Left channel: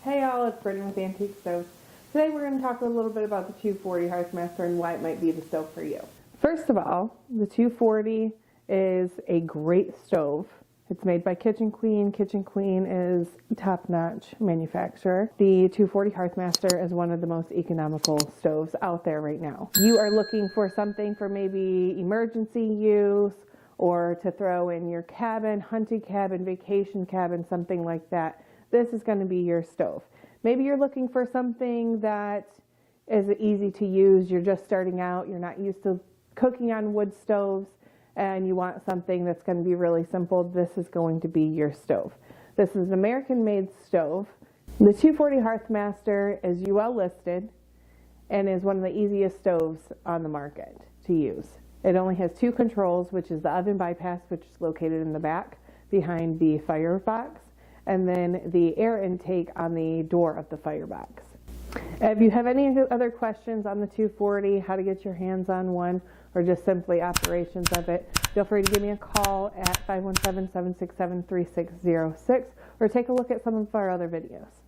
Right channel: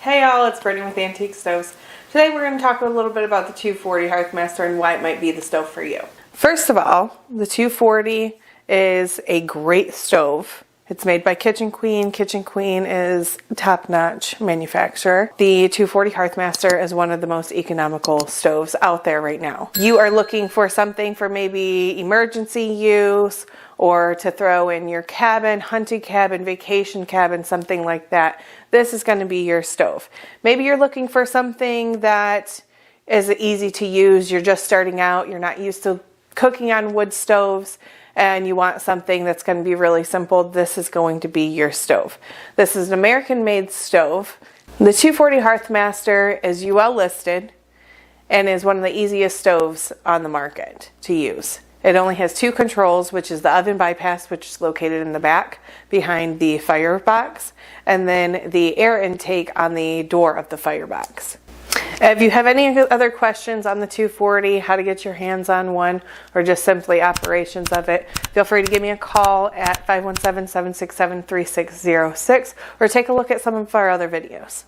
Hey y'all, it's Brittany with Antique Stoves. Today we're going to talk a little bit about the 240 Hearthmaster and why it might be the stove for you. First of all, the 240 is a great stove. It's made by Kitchen Queen. Kitchen Queen is a top-notch manufacturer. The 240 Hearthmaster is one of the most economical stoves out there right now. You are looking for something for maybe emergency use or to throw in your cabin, hunting cabin, vacation cabin, something like that. This is going to be your stove. Maybe you're looking for something that is easy to use. You're just starting out. You're not used to cooking on wood stoves and you want something that's going to be really simple. This is going to be your stove. This is an American-made stove. The 240 Hearthmaster is UL listed and is one of the easiest stoves on the market to use. It only has two controls, which is the oven bypass, which is located in the back behind the firebox, and then the air intake on the door of the firebox. If you have any other questions on the 240, how to get your hands on one, or just simply operations of it, feel free to give me a call at 517-767-3606 or take a look at some of our other videos.